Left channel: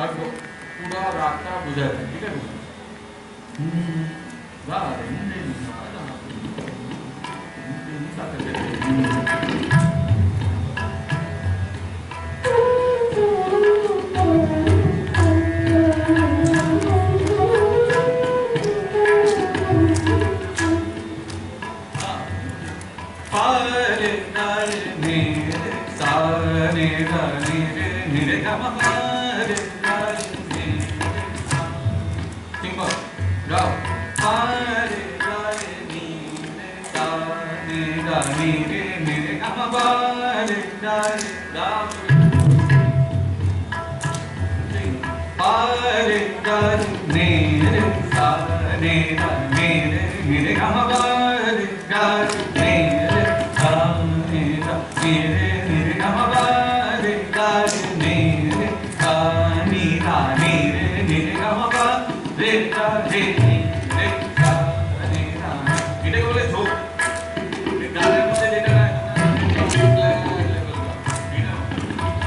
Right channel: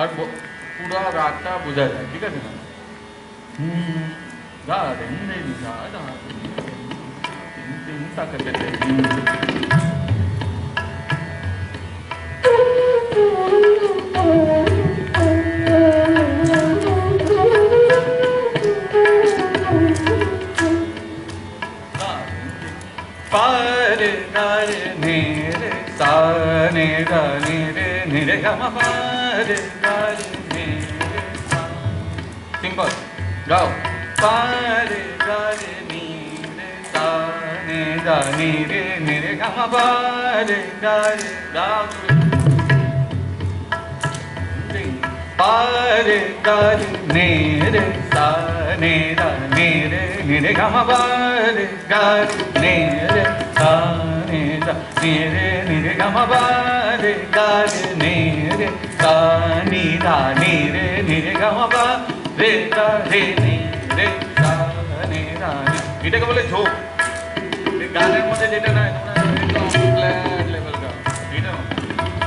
আর পুরো রাতটা বোঝা যায়, ঠিক আছে না? গা রে রে গা গা তিন সাথে पारे गारे नेरे साने गाने रे नेरे गमा पारे गारे नेरे सा सिंपल गाओ पारे गारे नेरे साने गाने रे नेरे गमा पारे गारे गाओ पारे गारे नेरे साने गाने रे नेरे गमा पारे गारे नेरे साने गाने रे नेरे गमा पारे गारे नेरे साने गाने रे नेरे गमा पारे गारे नेरे साने गाने এটাকে বলে ঝোঁক। গানের মধ্যে যেটা না ফ্ল্যাট লেভেল का এটা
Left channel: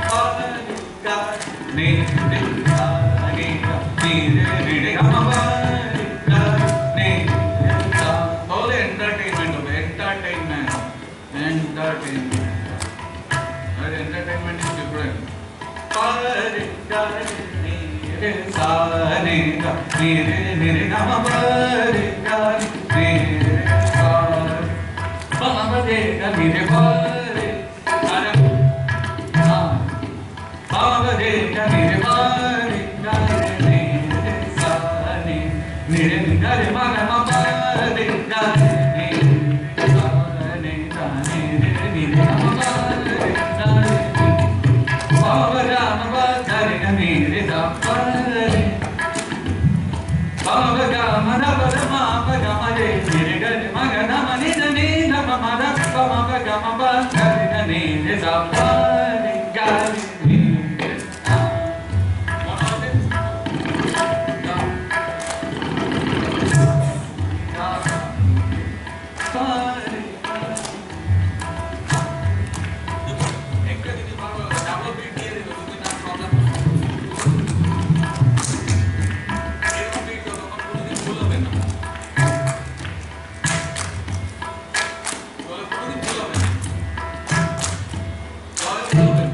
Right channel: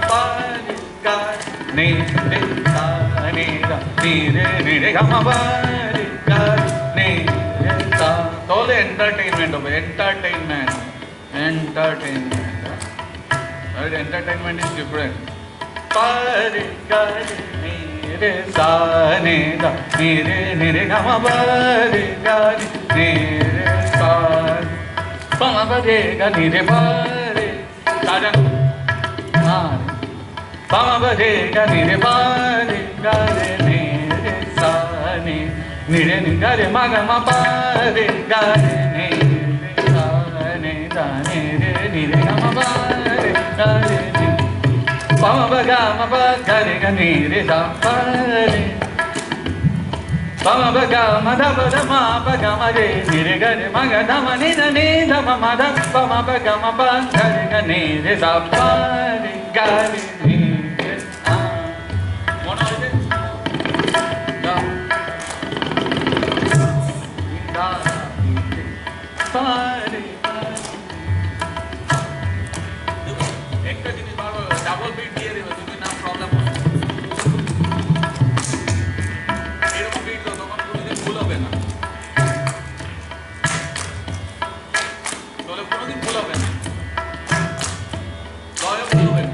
পারে গানে রে साने गाने रे नेरे गमा पारे गाने रे सा তাহলে এন্টারটেইনমেন্ট হবে, এন্টারটেইনমেন্ট আর এন্টারটেইনমেন্ট ইজ ডিফারেন্ট। পারে গানে রে সানে গানে রে নেরে গমা পারে গানে রে সা পামা পারে গানে রে পারে সারা হা পামা পারে গানে রে পারে গানে রে সানে নিরে নিরে মা গমা পারে গানে রে সানে গানে রে নিরে গমা পারে গানে pama ga ma ba ga re ga ni re sa pa re pama ga ma da ba da ma ba ga ma re ni re ga re ma ga da ma ni da ma da pama ga ma ba ga re ga ni re sa pa re ga re ni re sa mona hoye da da pa re একটা জিনিস ভালো double bit দিয়ে দেবে যদি না problem হয়, এরকম bit তো তখন কোনোদিন ভুল হবে না, তাহলে কোনোদিন ভুল হবে না, তাহলে ভুল হবে না।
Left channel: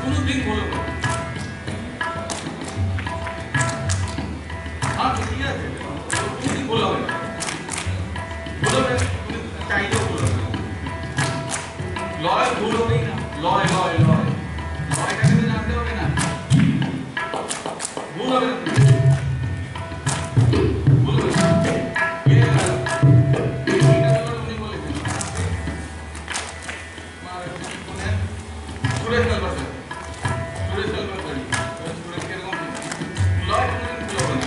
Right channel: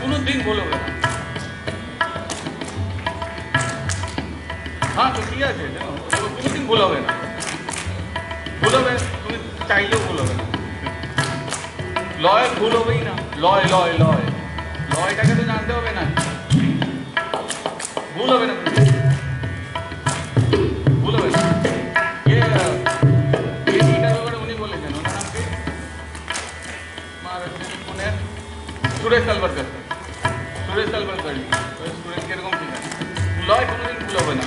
কোনোদিন ভুল হবে না। হ্যাঁ তো ঠিক আছে, কোনোদিন ভুল হবে না, ভুল হবে তুমি চাইলেও ভুল হবে না, লয় ভুল হবেই না, লয় লয় লয় লয়টাকে তো জানতে হবে না, ভুল হবে না, ভুল হবে না। এইটা ব্যাপারে উনি বলেছেন সুরেশ তালবারকার, সুরেশ তালবারকার সুরেশ কিরকম ঠিক আছে, লয় কোনোদিন ভুল হবে না।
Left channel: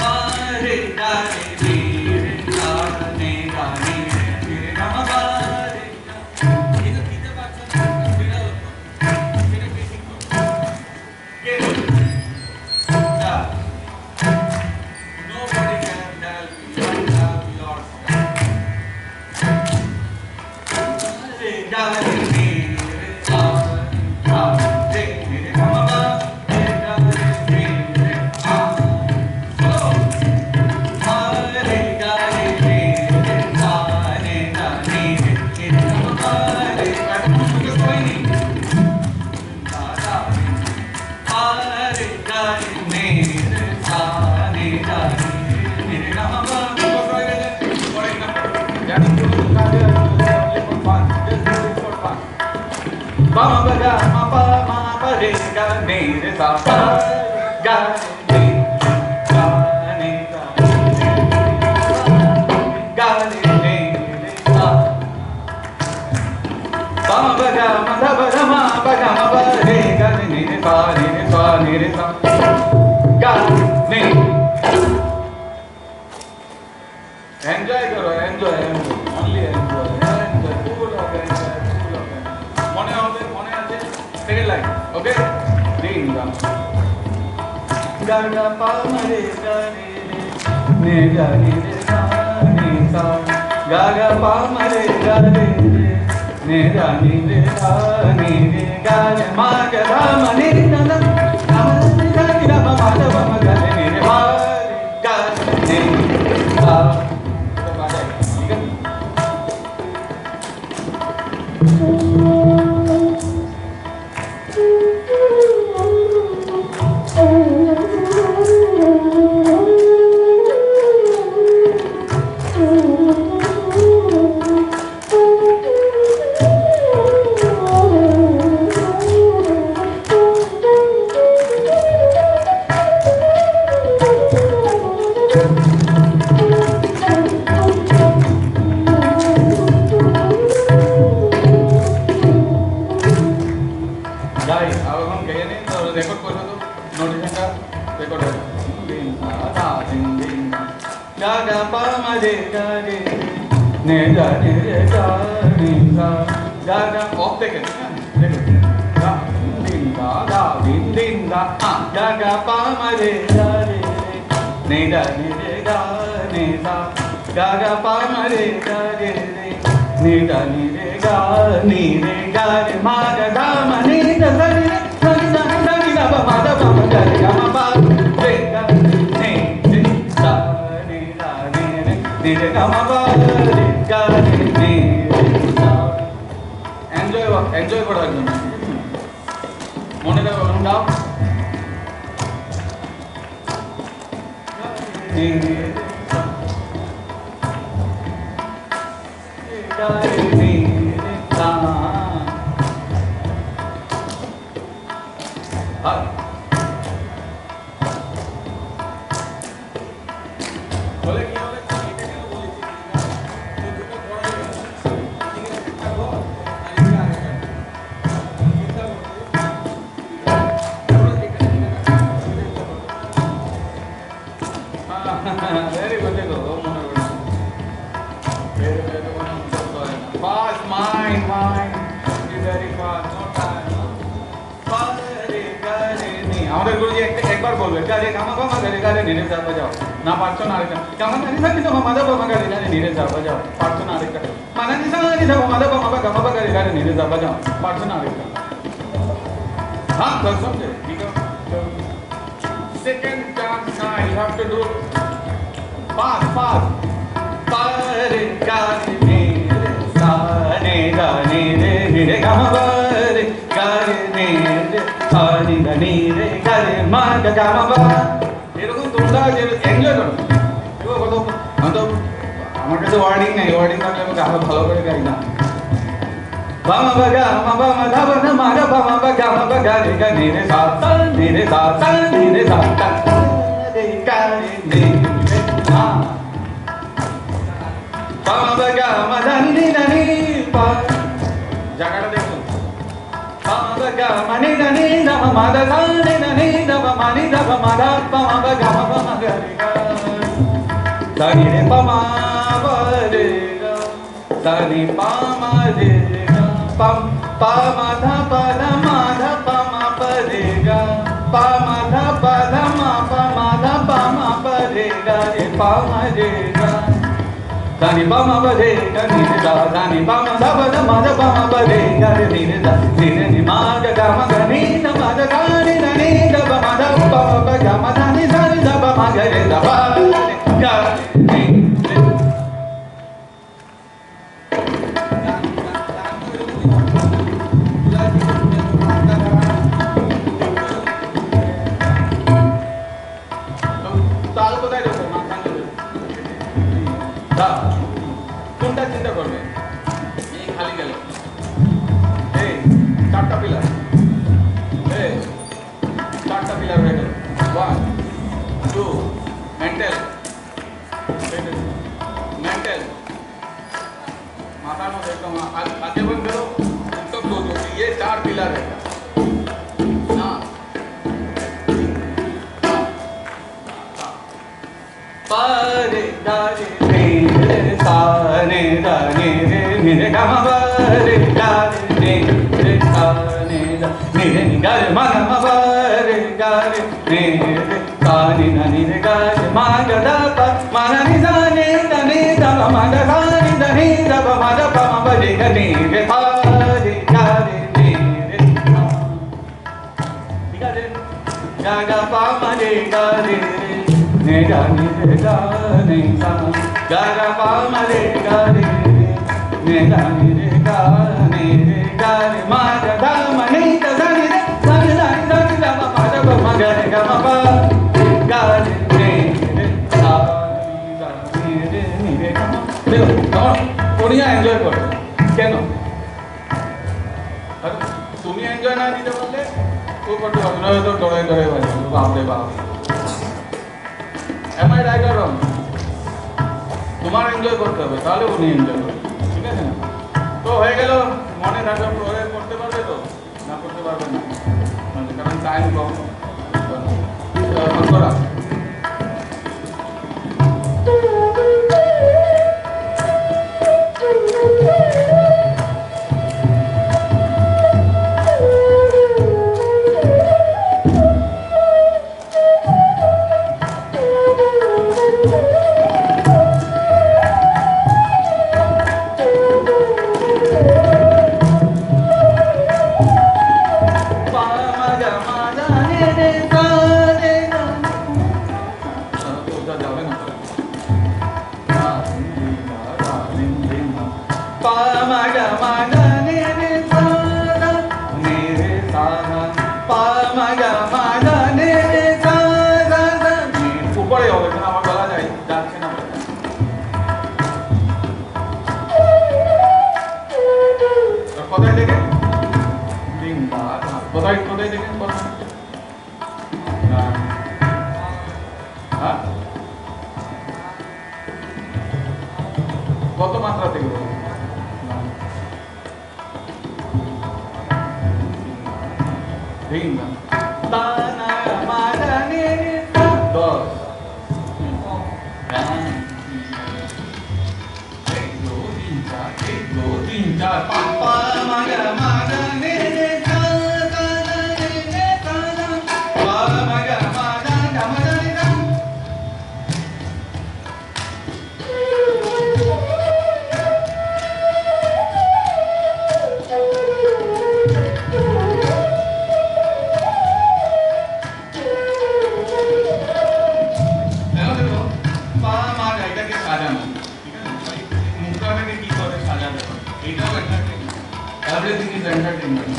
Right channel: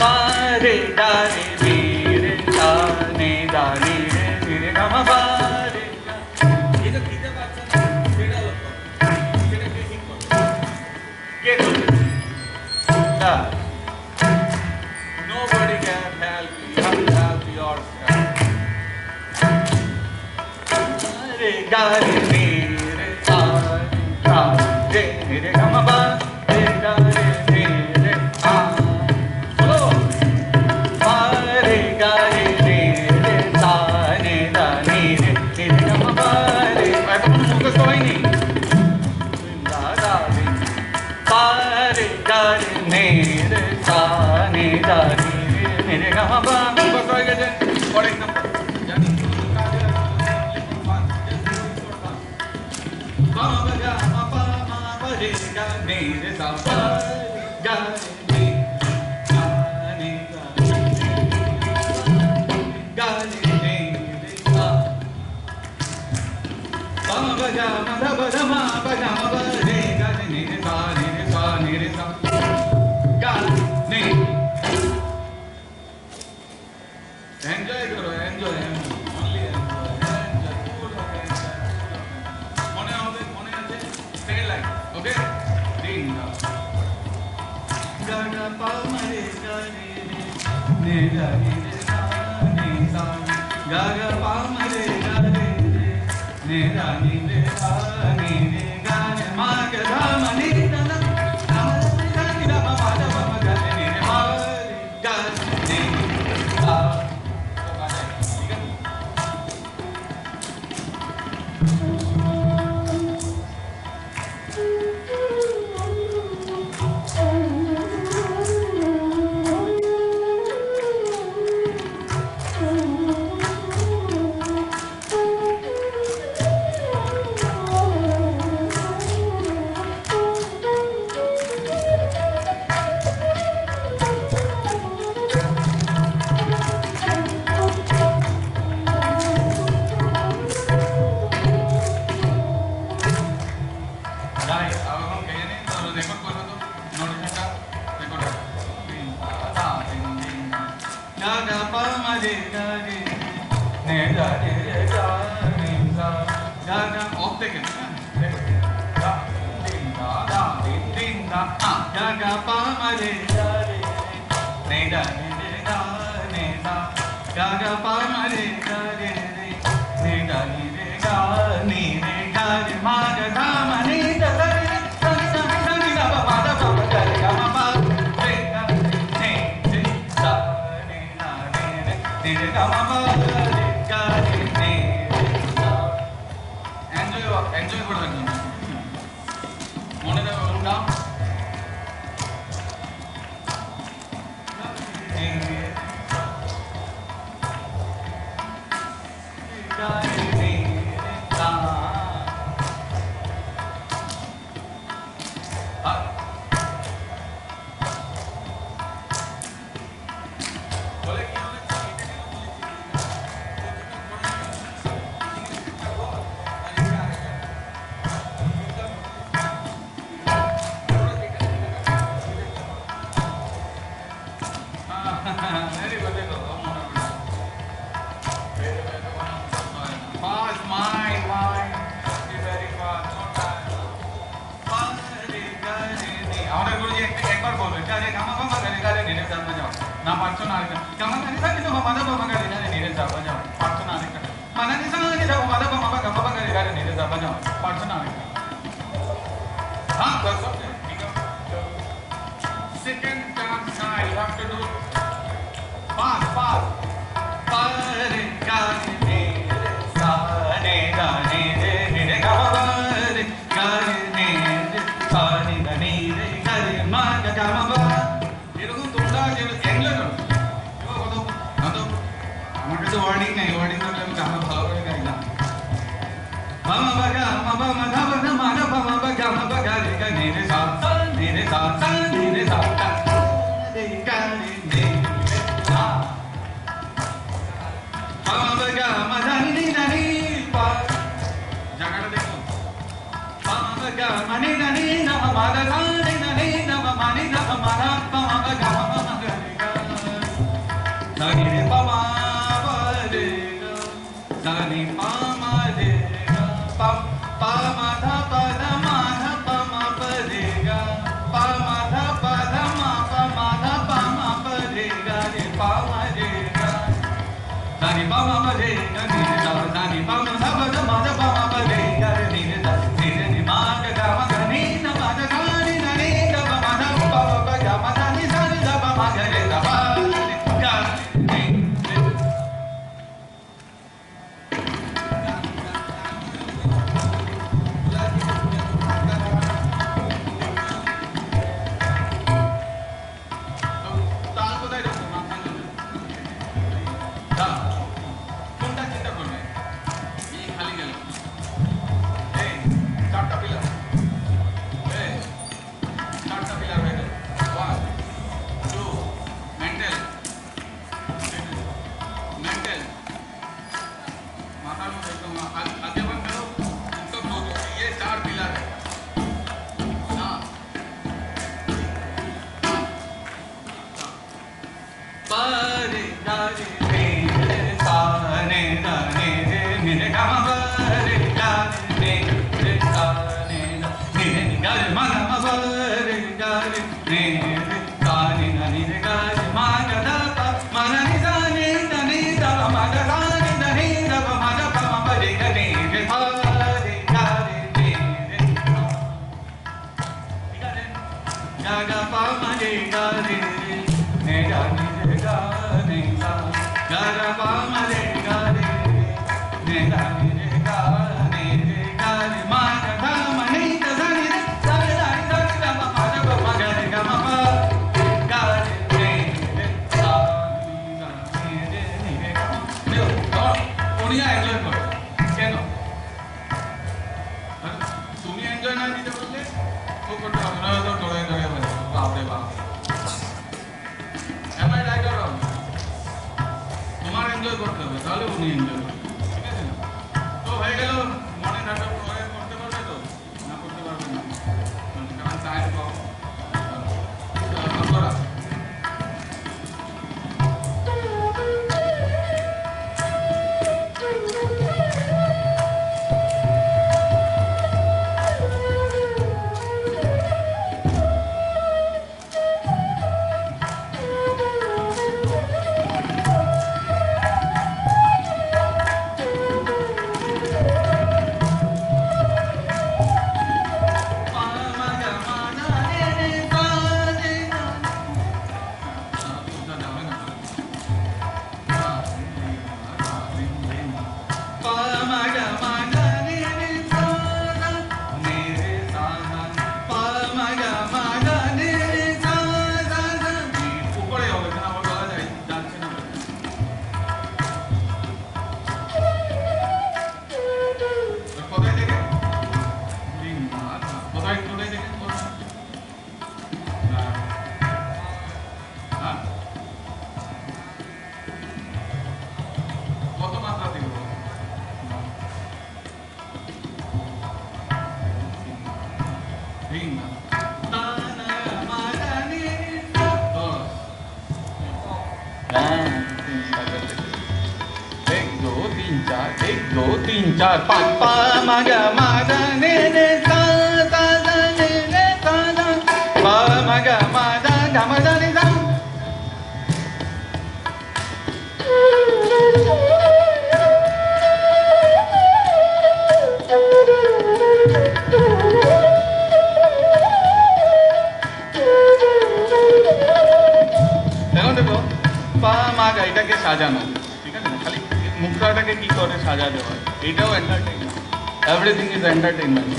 পারে গানে রে গানে গানে রে রে গামা পারে এটা দিতে পারছ না, সেটা কে ঠিক করবে, কে করবে? Nobody can help you, you have to help yourself. Pare gane re sa re re gama ba re gane re re a bolo pare gane re re sa re gane re re gama ba re এখন মুখস্থ হয়নি দাদা রে pare gane re sa re gane re re gama ba মুখস্থ হয়ে গেছে। পরের number জানি কি কাজে লিখুন পান pama ga ma pa re ga ne re sa pa ga ne ga ne ga ne re sa pama ga ma da ba da ma ba ga ma ba re ga ne re sa ga ne enjoy karo, enjoy only enjoy full of enjoy, মনে হবে, মনে আছে? Second line, ওকে। din da ga ga pa ma re ga re re ne ga ni re ga ni sa ga ga pa ma re ga re re ne ga ni re ga ni re ga re ma ga da ma ni na na na ma ni ga ni da ma ma da ma ma ga re ni re ma re ga ni sa तो बाजा है ठीक है record कर दो notification का record है दिन दा दिन दिन गा गा पा मा रे गा रे ने गा ने रे गा नि गा गा गा ऑफ देखें देखो गा दिन दा दिन दा गा गा पा मा रे गा रे ने गा ने रे गा ने दा गा गा पा मा रे गा रे ने गा नि रे गा नि रे गा रे मा गा दा मा नि दा गा रे एंजॉय करो एकदम मने दाও এখন গাও Very good, very good. Fast, mind. Be very fast, no time. আমাদের গুরুজি একবার বলবে গারে গামা গামা গারে গারে নিরে যা বাজাও না পারছো না আরেকটা গামা গারে না কিছু মাদা বামা গারে গারে নিরে যা বাজাও পারছো না আরেকটা মানা নিসা গারে যা মাদা বামা বা গামা গারে গারে নিরে যা বাজাও পারছো না আরেকটা হ্যাঁ তো সমঝে ঠিক আছে second dance now you have to do fast pare gare ne re sa ne ga ne re ga ma ba re gare ne re sa ni ga ne re gare ma ga ga ma ba এরকম তোমরা যে enjoy করো দেখো কত তো আমার কাছে wording নাই ওয়ার্ডিং থাকলে আমি গান ভালো করে গাই না বামা বা গা মা বা মা ধা বা না মা গা বা মা বা গা মা বা গা রে গা নে রে সা নে রে সা নে রে সা রে গা রে নে রে না বামা বা গা মা ধা নি না নি পা জায়গাটা দেখুন বামা বা গা মা নি না নি না মা দা সা নি না নি না মা নি দা মা দা পা মা বা গা মা গা রে গা সা নি রে পা মা বা রে গা সা নি পা মা রে pam pa ma dha pa dha ma dha pa ma pa re ga pa ma dha pa dha ma dha pa ma pa re ga re pa ma re ga sa ni pa ma pa re ga ni re da sa ni pa ma dha pa dha ma dha pa ma pa re ga re ni re da ni re ni ma ga ga ma ga ni na ma ga ga ni na ni da pa ma dha pa ma pa ga ma dha ni sa ni da pa ma ga re da pa re ga ni কোনটা চিন্তা করবে এই খালি গেল এই চারটা pillar ma ga ma pa re ga re ni re sa ni da ni re ga re ma ga da pa ma na ni sa ni da ni da pa ma da sa ni da ni da pa ma da pa ma ba re ga ni re pa re ga re ni re sa ठीक है ga ga pa ma re ga re ni da ni re ga ni sa ga ga pa ma re ga re ni da ni re ga re ma ga da ma ni da sa ni re sa ni da ni da ma pa da pa ma ga re ga ma pa ga re ni re sa ni da ni re ga ma দেখো তখন Odia enjoy করো কেন তুমি enjoy না দিতে পারলে ও করতে পারবে না তো ডরে ডরে বাজবে বাপ রে বাপ am I right or wrong তোমার এনজয় করতে হবে তাহলে উনি এনজয় করবে ঠিক আছে না তো হয়ে গেল মনে থাকবে প্রয়োগ করতে পারবে তো না করতে পারবে না কারণ টাইম কম করা উপরে হবে কিন্তু আমার গলা যায় যাচ্ছে না কোথায় থেকে কোথায় কোথায় থেকে কত মাত্রা থেকে বলি ताना मागने दस एक दो तीन चार पापा मागा मागने सा सा ने सा सा पा मागा मागा गमदा ने सा এটাকে সাজানো ঠিক আছে খালি মুখটাকে কি করে সাজাতে হয় এটাও এন্টারটেইনমেন্ট এভরিথিং ইজ এন্টারটেইনমেন্ট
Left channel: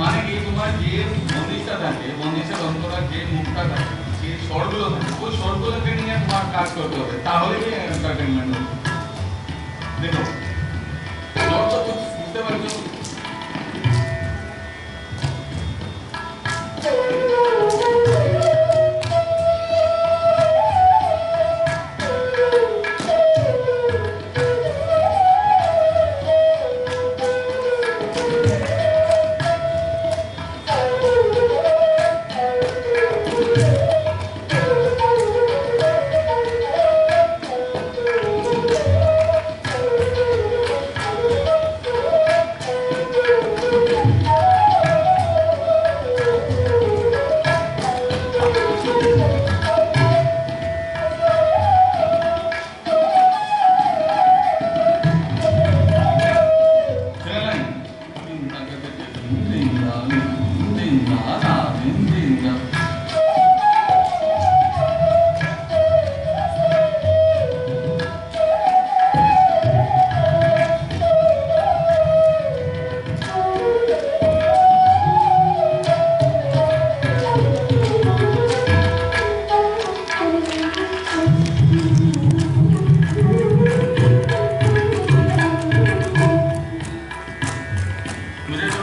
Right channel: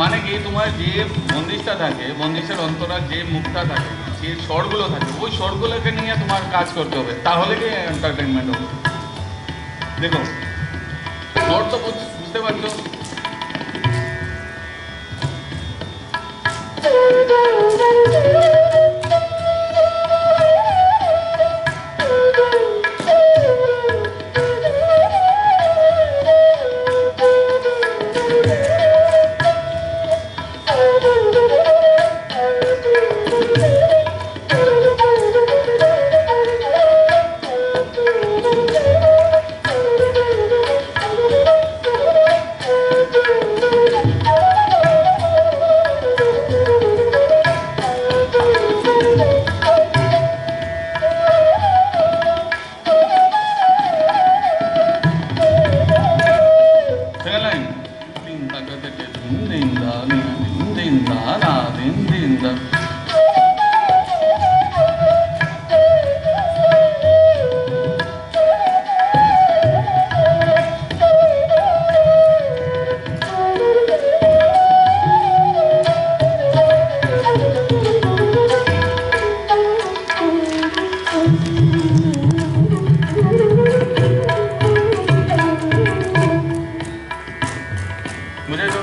মানে কি তোমার যে বন্দিশটা থাকে বন্দিশের অন্তরা যে মুখটা থাকে যে স্বরগুলো থাকে ওই স্বরগুলোকে নিয়ে তোমার কাজ করতে হবে তাহলে কি এন্টারটেইনমেন্ট হবে দেখো স্বর তো বুঝতে পারছো मुझे তো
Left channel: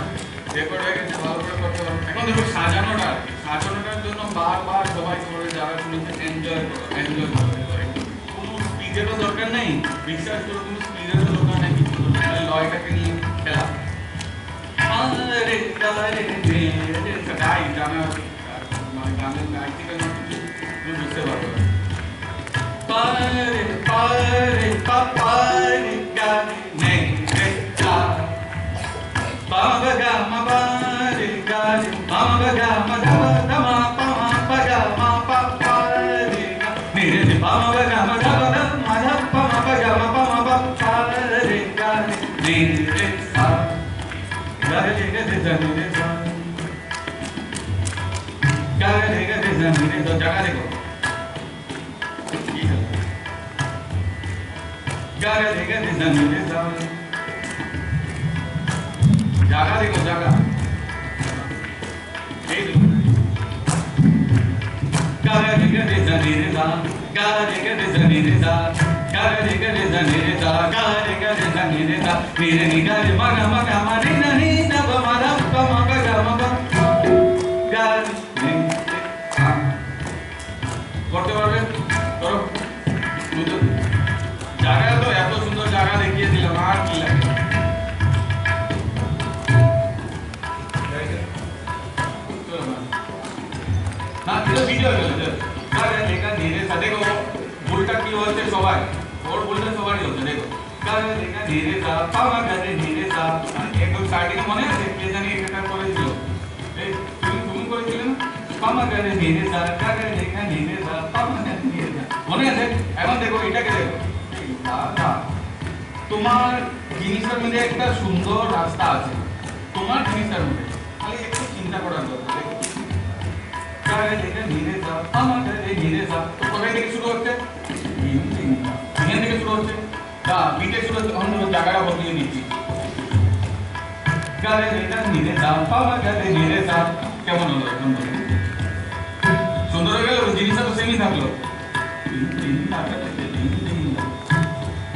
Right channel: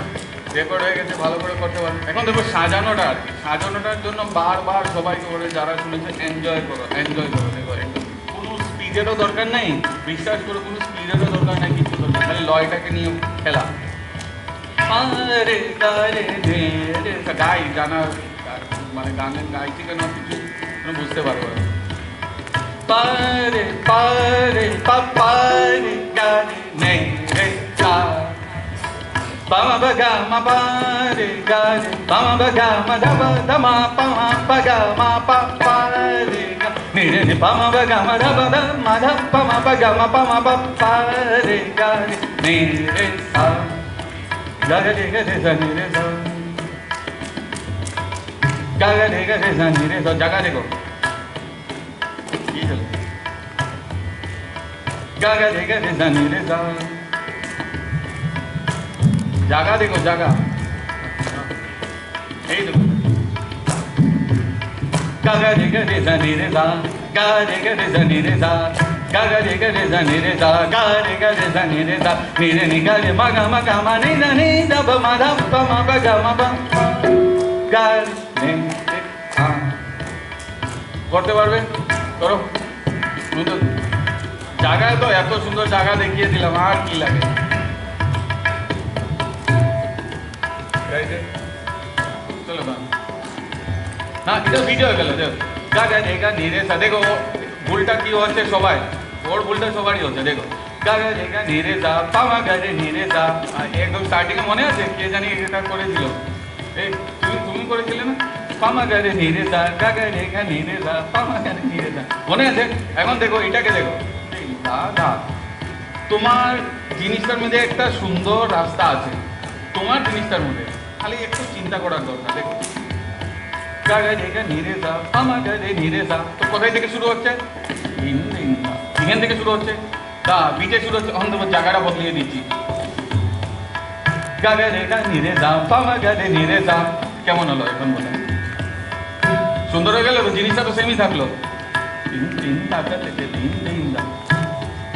রেকর্ড হয়ে গেছে, ভালো করে করতে পারবে। এখন দেখো সাজানোটা আর কি, সাজানোটার জন্য বারবার সবাইকে বলে যারা শুনেছে এনজয় করো, এনজয় করো। দেখো কোনো স্পিডেরও দরকার নেই, বিশ্বাস করো কোনো স্পিডেরও দরকার নেই, কিছু দরকার মানে লয়টাকে নিয়ে খেলা। গাই জানা মানে গানের গাইতে কেন কিছু তুমি বুঝতে পারবো না। পারে পারে পারে গানে নেই রে চা পামা বাগা মা পারে গানে পামা বাগা মা দাবা দামা পামা বাগা মা পা পারে নিরে রে পামা বাগা মা দাবা দামা ধা পামা বাগা মা পামা বা পারে গানে নিরে সা গারে গারে জানি রে সা গারে গারে জানি রে সা জায়গা দেখো गागा रे गा रे जानी रे जा जागा देखो जागा यही देखो गागा रे गा रे जानी रे जा गागा रे गा रे जानी रे जा गागा रे गा रे जानी रे जा गागा रे गा रे जानी रे जा नीरे निगा रे मगा मगा मा रे ना नी दा ब मा दा प मा ब गा मा ब गा रे आ করতে পারবে করো তো জায়গা তো এত সুন্দর জায়গা দেখিয়ে দিলাম আর কি লাগে চলো না এটা ভিডিও হয়ে গেল জায়গা জায়গা ধীরে সা দেখো ভুলটা কি হচ্ছে সবাই ওর ভুলটা সবারই হচ্ছে দেখো জায়গা জায়গা ধীরে সা পামা গারে ধীরে সা একদম স্টার্টিং মনে আছে কে জানি এটা করেছিল এই তুমি করেছিলে না পামা গারে ধীরে সা গাগা জায়গা ধীরে সা পামা গারে ধীরে সা মনে আছে এখন দেখো এটাকে দেখো দাদা তোমার জিনিসটার মধ্যে একটা সুন্দর রাস্তা আছে, তোমার জিনিসটার মধ্যে খালি একটু চিন্তা করার দরকার। দেখো গাগা জায়গা ধীরে যা আমার গায়ে ধীরে যা তো কোথায় থেকে শুরু হচ্ছে এখান থেকে শুরু হচ্ছে দা বিটে শুরু হচ্ছে। এখন তোমার জায়গাটা বদলিয়ে দিচ্ছি গাগা জায়গা ধীরে যা পামা গায়ে ধীরে যা কেমন হলো এখন বলে সুন্দর হয়ে গেল জিনিসটা তো সেমই থাকলো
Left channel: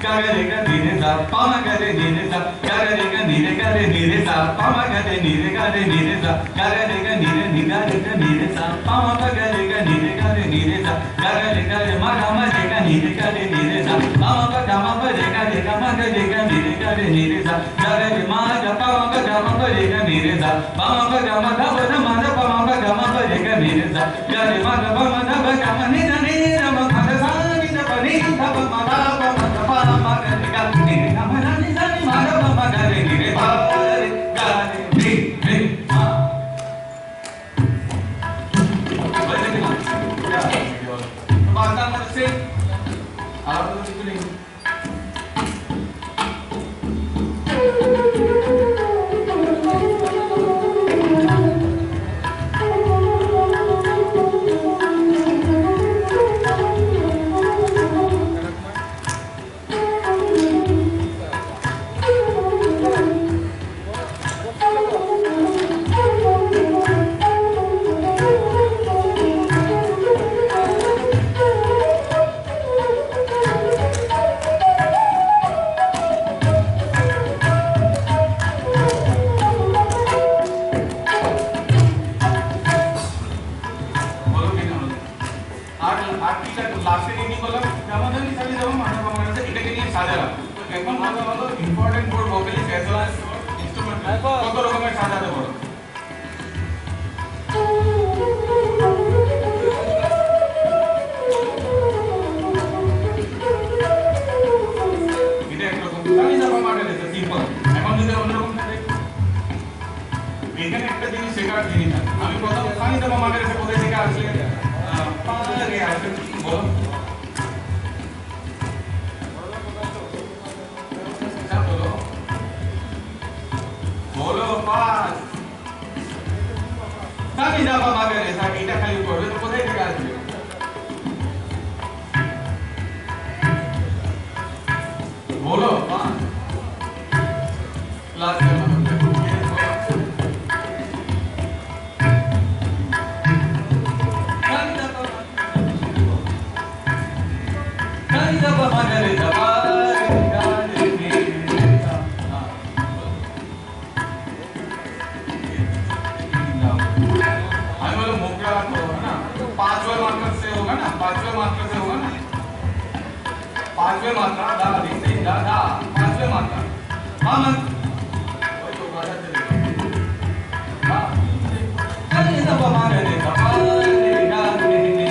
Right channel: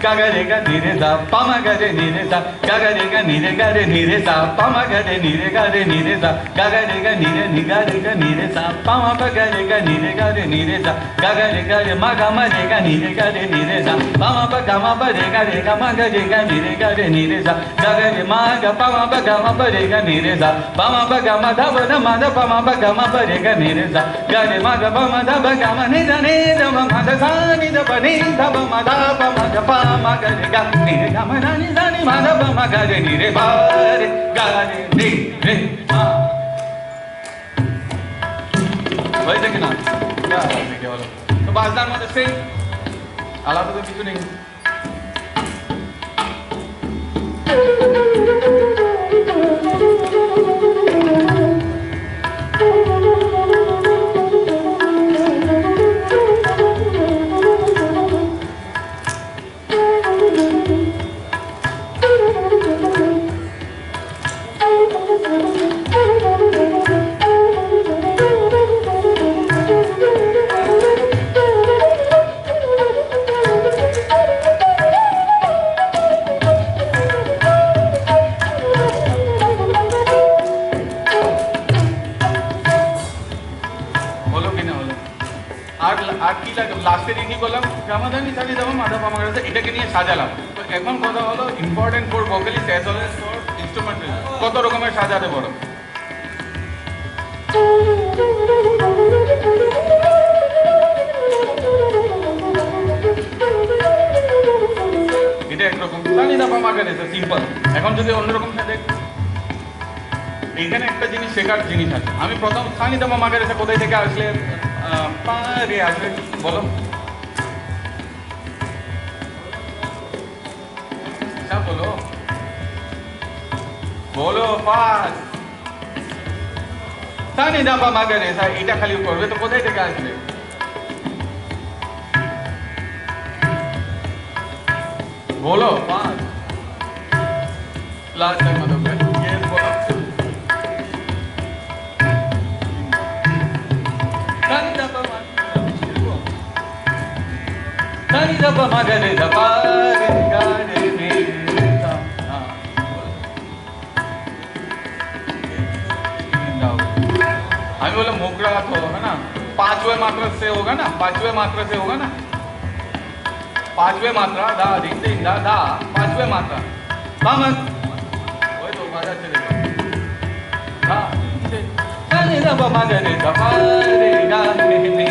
गागा रे गा नीरे सा पामा गा रे नीरे सा गागा रे गा नीरे सा पामा गा रे नीरे सा गागा रे गा नीरे सा पामा पा गा रे नीरे सा गागा रे मा गा मा रे गा नीरे सा पामा पा गा मा पा रे गा मा गा रे नीरे सा गागा रे मा गा पामा पा गा मा पा रे गा नीरे सा पामा पा गा मा धा धा मा धा पामा पा गा मा पा रे गा नीरे सा गा रे मा गा पा मा धा पा गा मा नी धा मा धा सा नी धा पा नी धा पा मा धा पा मा धा पा ma ga re ga ni re ga ma na ni sa ni ma da ba ma ga re ni re ba re ga re ni re ma বলতে কি না क्या है বলো তো বাজনার মধ্যে সেই আলাদা তো কিছু নেই লাস্টের ইনি বললাম জামাদানি সাজি যাবো মাথা পামা গেছে এটাকে নিয়ে সাজালাম। তো এখন কথা হলো important for vocalist as well as instrument কত রকমের সাজাতে পারো। এটা একরকম সানি দা পামা গেছে সিম্পল। এখন যদি অন্যরকম থাকে এখানে একটা জিনিস শেখার জিনিস আছে। আমি প্রথম সানি দা পামা গেছে কোথায় থেকে আসলে পারে আসবে বলো বলো বলো পাস সানি দা পামা গেছে এটা খালি করবে তো কোথায় থেকে আসবে বলো পাস লাস্ট টাইম मैं बोला मोकरा तो है ना, पांचवें मात्रा से होगा ना, पांचवें मात्रा से होगा ना, पांचवें मात्रा धा धिन धिन धा धा, पांचवें मात्रा मामन वही तो बाजा चलेगा धा धिन धा धा मा गा रे धा पा रे गा रे रे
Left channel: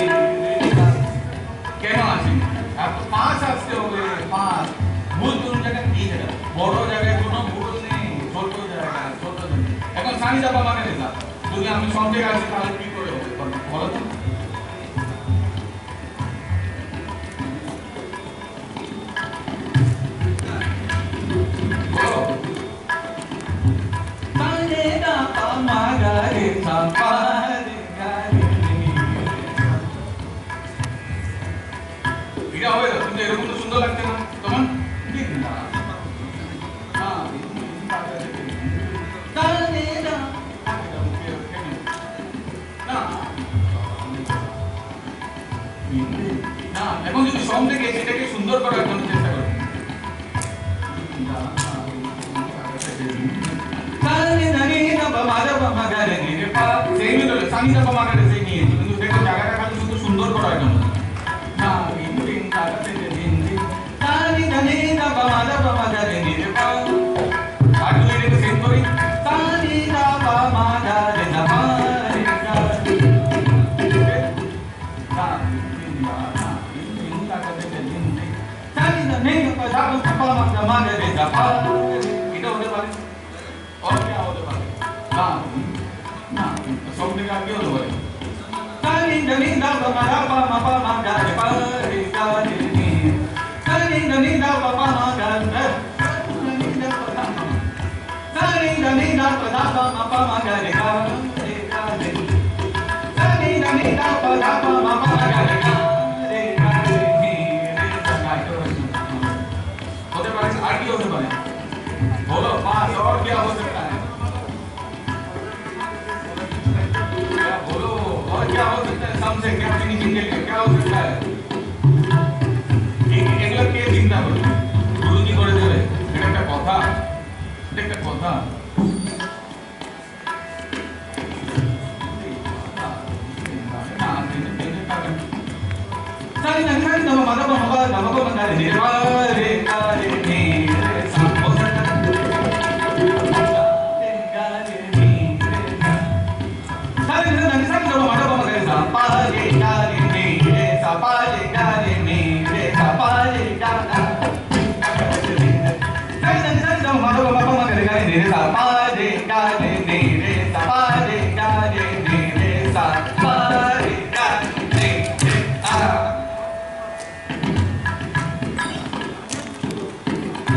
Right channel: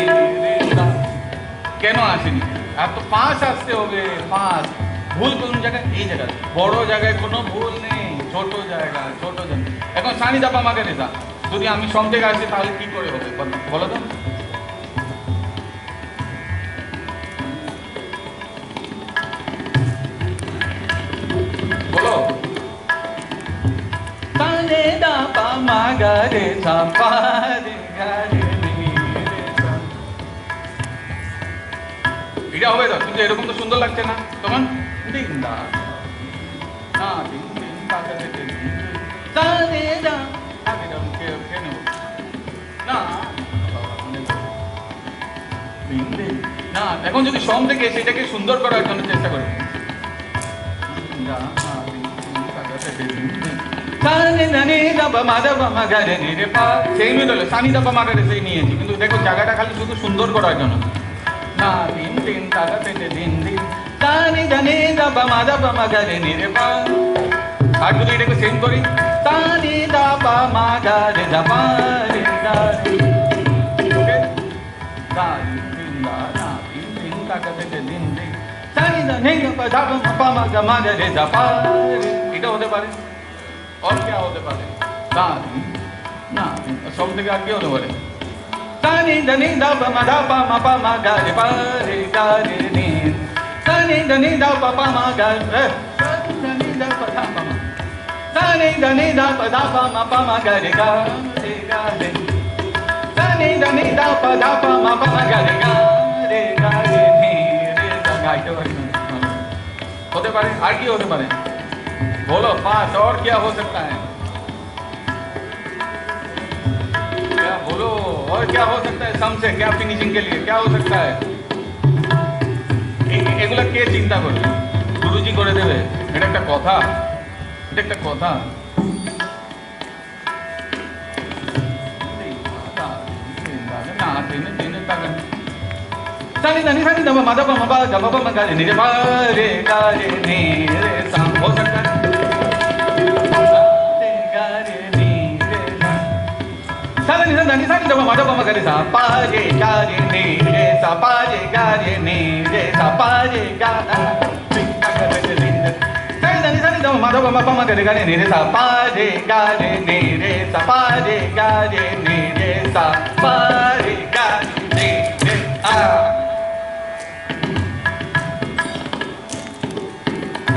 धा কেন আসেনি? আর তো পাঁচ আসতে হবে, পাঁচ ভুল কোন জায়গায়? এই জায়গায় বড় জায়গায় কোনো ভুল নেই, ছোট জায়গা ছোট জায়গা। এখন সানি দাপা মাকে নিতা যদি আমি সব জায়গায় আসি তাহলে কি করে হবে বলো তো? বলো সানি দাপা মা গা রে সা পা রে গা রে এটা হবে তো? কিন্তু এরকম তো সুন্দর লাগছে না তোমার? দিন দা না দিন দিন টাকা দিতে দা দে দা আগে দাও কেন কেন না দিন দিন না। এখন যদি সম থেকে সেটাকে সুন্দর করার জন্য চেষ্টা করো দা না দিন দিন টাকা দিতে দিন সানি নানি দা বা মা দা বা মা গা রে রে পা সেই মিলে সানি দা বা মা গা রে সেই নিয়েছি, কিন্তু দেখো জায়গাটা খালি শুধু সুন্দর করার জন্য না দিন দিন টাকা দিতে দিন দিন সানি জানি দা বা মা গা রে রে পা। আর যদি এটাকে সেম করি সানি দা বা মা গা রে দা পা রে গা ওকে দা দিন দা না দিন দিন টাকা দিতে দিন দিন সানি দা নেই পা দা পা মা গা রে দা পা এটা হতে পারে। और क्या होते पारे ना ना सब থেকে আর কি হতে পারে? সানি ধনি দা পা মা গা রে পা রে গা রে নি সানি ধনি দা পা মা গা রে সানি ধনি দা পা মা সানি ধনি দা পা মা গা রে গা রে গা রে সানি ধনি দা পা মা গা রে গা রে গা রে নি রে গা গাইতে পারে হতে পারে। আর কি হতে পারে बोलो? पांच और क्या हो सकता है? क्या बोलो और क्या हो सकता है? सम से क्या फिनिशिंग के लिए क्या हो सकता है? এগুলো কে চিন্তা করবে? গুরুজি করে দেবে? এটা একটা কথা, এটা একটা কথা। সানি নানি সানি দা মা দা মা গা মা গা রে নি রে পা রে গা রে নি রে সা हो सकता है सारे निधन धनी सानी दबा माता पामा करे सा पा रे गा रे नी रे सा पा रे गा रे नी रे सा पा रे गा सारे धनी सानी दबा माता पामा करे गा रे नी रे सा पा रे गा रे नी रे सा पा रे गा रे नी रे सा पा रे गा रे रे आ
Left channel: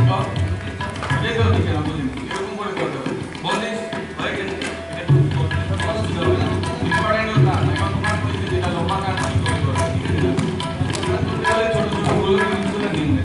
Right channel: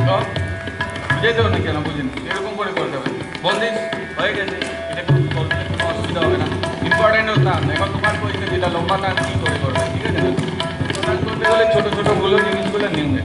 तो मुझे तो नहीं चला मुझे এরকম করে করতে হবে।